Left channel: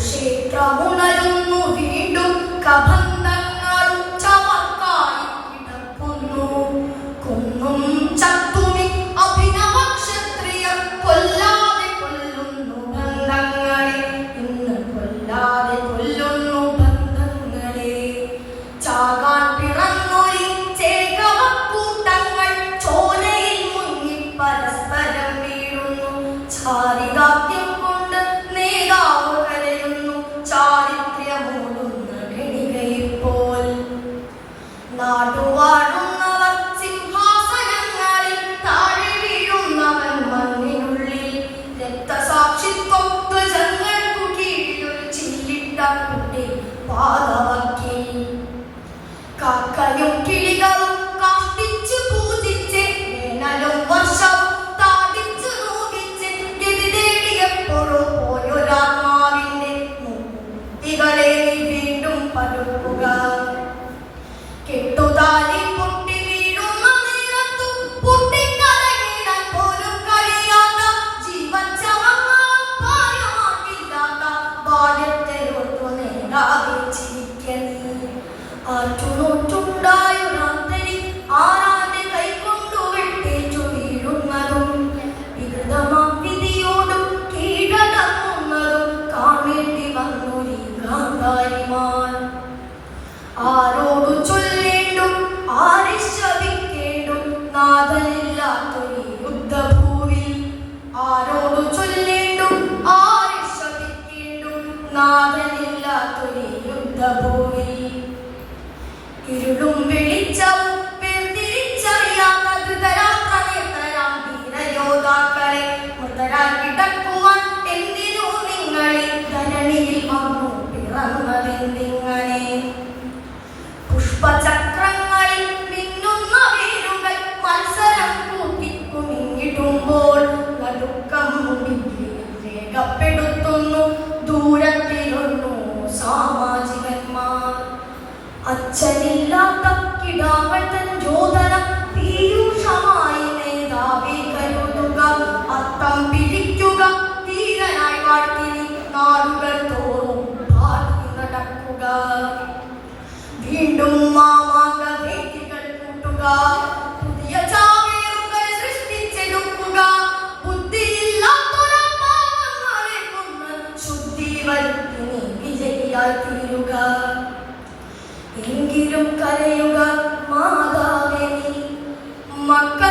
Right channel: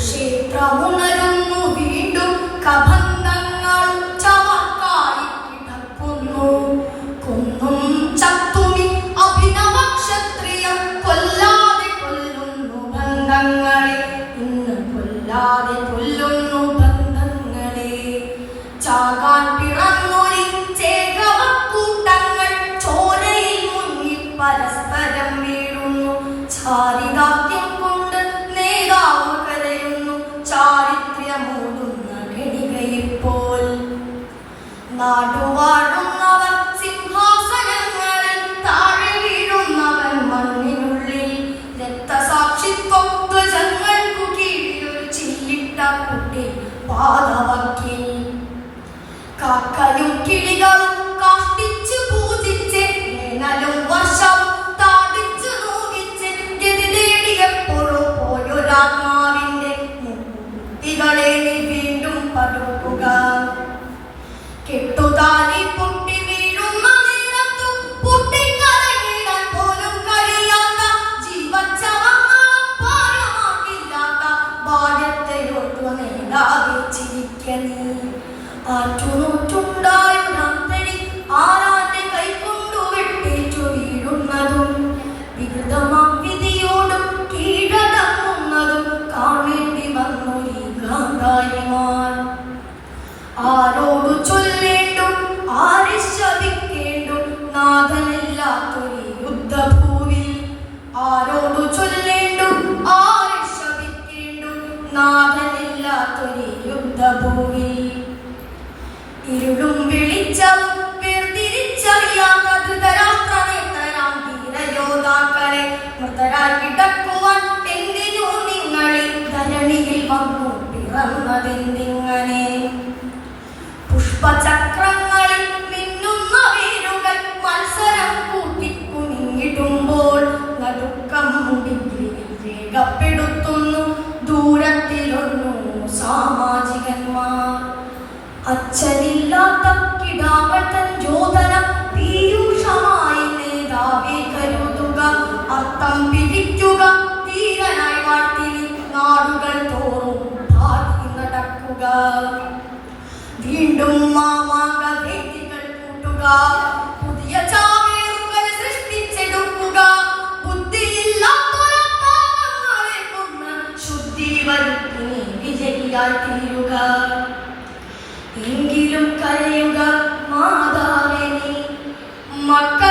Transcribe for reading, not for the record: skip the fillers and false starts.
കുരുക്ഷേത്രമുണരുന്നു വീണ്ടും കബന്ധങ്ങൾ ചമക്കായി കിടക്കുന്നു. കുന്നും ചത്തുമി അഭിനവ ക്ഷത്രിയം കൊല്ലാതെ കൊല്ലുന്നു ബന്ധങ്ങളെ, ഇന്ന് കൊല്ലാതെ കൊല്ലുന്നു ബന്ധങ്ങളെ. ചാകാൻ പിറന്നൊരി ചേകവക്കൂട്ടങ്ങൾ ചോരയിൽ മുങ്ങി പരസ്പരം വീഴുന്നു. ചാരിതാത്യം കൊണ്ട് നേതാവ് കരയുന്നു, ചാരിത്ര്യമൂടുന്ന ഗണികയെപ്പോൽ. നാടുവാഴുന്നവർ സിംഹാസനങ്ങളിൽ, താഴെ വീഴുന്നവൻ മണ്ണിനുള്ളിൽ. രക്തസാക്ഷിത്വം ധ്വജങ്ങൾക്കു കീഴിലൊരു ചില്ലിട്ട കുട്ടി പാദവക്കിൽ. കാക്കയും കിളികളും കാഷ്ടിച്ച് പൂജിച്ച് വേനലും വർഷവും താടിച്ചു നോക്കിച്ച് ഗതി തേടിയെപ്പോഴോ പോയൊരാത്മാവിന്റെ മുക്കുത്തികളെ നീ വീണ്ടും പടുക്കുക. കെട്ടുതാലി പൊട്ടി വീഴുന്ന നേരത്തു പൊട്ടിക്കരകിടാൻ പോലും കഴിയാത്ത ജീവച്ചവങ്ങളും പാരമാക്കില്ലാത്ത ബാല്യത്തെയോർത്തു നേടാതെ ചിരിക്കണി. ആറ്റുനോറ്റുണ്ടായൊരന്തരി ആരാന്റെ കൈകൊണ്ടു വെട്ടേറ്റു വീഴുന്നതും വികൃതമാം വിധിയോടും കീഴടങ്ങുന്നതും കാണേണ്ടി വന്നൊരീ ഗാന്ധാരിമാർ. ആരോടു ചൊല്ലേണ്ടും ആരെ ശപിക്കേണ്ടും നാഥനില്ലാത്തൊരു യുദ്ധഭൂവിൽ. ആരോടു ചൊല്ലേണ്ടും ആരെ ശപിക്കേണ്ടും നാഥനില്ലാത്തൊരു യുദ്ധഭൂവിൽ. ഇരുളും വെളിച്ചവും വേർതിരിച്ചറിയാത്ത ധൃതരാഷ്ട്രനേത്രരാം ധീരയോദ്ധാക്കളെ മൃതരായി കിടക്കുവാൻ എന്തിനു നിങ്ങളെ ധരണിയിൽ വന്നു പിറന്നതെന്തിങ്ങനെ? പുഷ്പചക്രങ്ങളിൽ മിന്നുന്ന വേരുകൾ മത്സരം കൂട്ടിക്കുമിങ്ങിടുമ്പോൾ നടുക്കം മുടിയിൽ രേഖപ്പെടുത്തുന്നു ദൂരത്തിലൊന്നു സാമാജികന്മാർ. അച്ഛനില്ലാത്ത കിടാങ്ങൾ തൻ യോധന പീയൂഷമായി നേതാവെ കരുതുക. അർത്ഥം പിടിക്കുക ധീരനായി വാഴ്ത്തി നാടുകൾ തോറും പാടി നടക്കുക. വീണ്ടും മാമാങ്ക വേദികൾ കൂട്ടുക, പുതിയ ചാവേറുകൾ സൃഷ്ടിച്ചെടുക്കുക. ബുദ്ധിയില്ലാത്തൊരപ്പാവങ്ങളെ കൊന്ന് ശുദ്ധി വരുത്തി വിജയിയായി തീരുക. എങ്കിലും കരയുക മാതാവേ നീ, മക്കൾ